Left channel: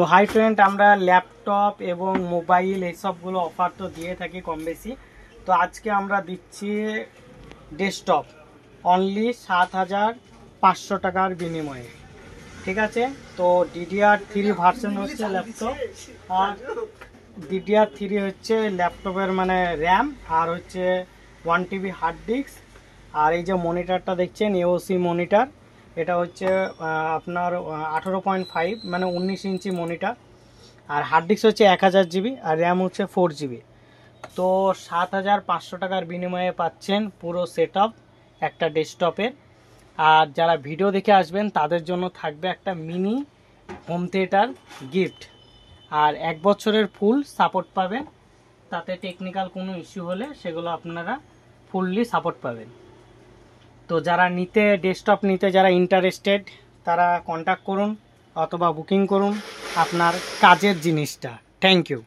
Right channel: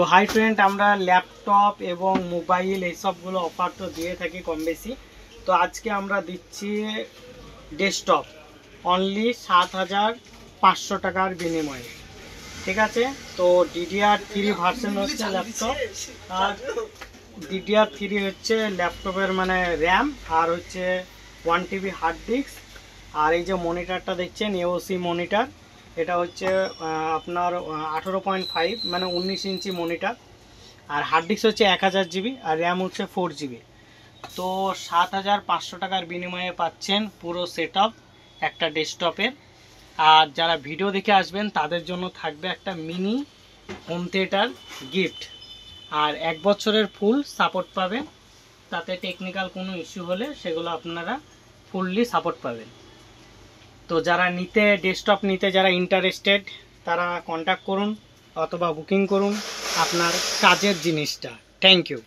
তো hi friend, আমরা laptop এবং মোবাইল এইসবগুলো অফার তো দিয়ে থাকি কম বেশি। তো আজকে আমরা দিচ্ছি ডেস্কটপ অনলি ৭,৫০০ টাকার বিনিময়ে। ঠিক আছে, তো DDR3 ভার্সন হচ্ছে ল্যাপটপ, আর DDR3 হচ্ছে ল্যাপটপের মানে র্যাম, আর হচ্ছে 1 TB হার্ড ডিস্ক। আর এই যে মনিটরটা দেখছেন AOC মনিটর, এটা হচ্ছে আপনার 18.5 মানে 19 ইঞ্চি মনিটর। আর হার্ড ডিস্ক হচ্ছে 1000 GB, আর র্যাম হচ্ছে 4 GB। তো ৭,৫০০ টাকার বিনিময়ে পাচ্ছেন পুরো সেট একটা ডেস্কটপের। আর যারা ভিডিও দেখে আসবেন তাদের জন্য থাকবে একটা মিনি হোম থিয়েটার গিফট, আর 1 বছরের ফুল সাপোর্ট পাবেন। তাতে টেকনিক্যাল কোনো ইস্যু হলে সেগুলো আপনারা ফুললি সাপোর্ট পাবেন। তো যারা ডেস্কটপ নিতে যারা ইন্টারেস্টেড, তারা কন্ট্যাক্ট করুন অথবা বুকিং করুন আপনার কাজের জিনিসটা। Thank you.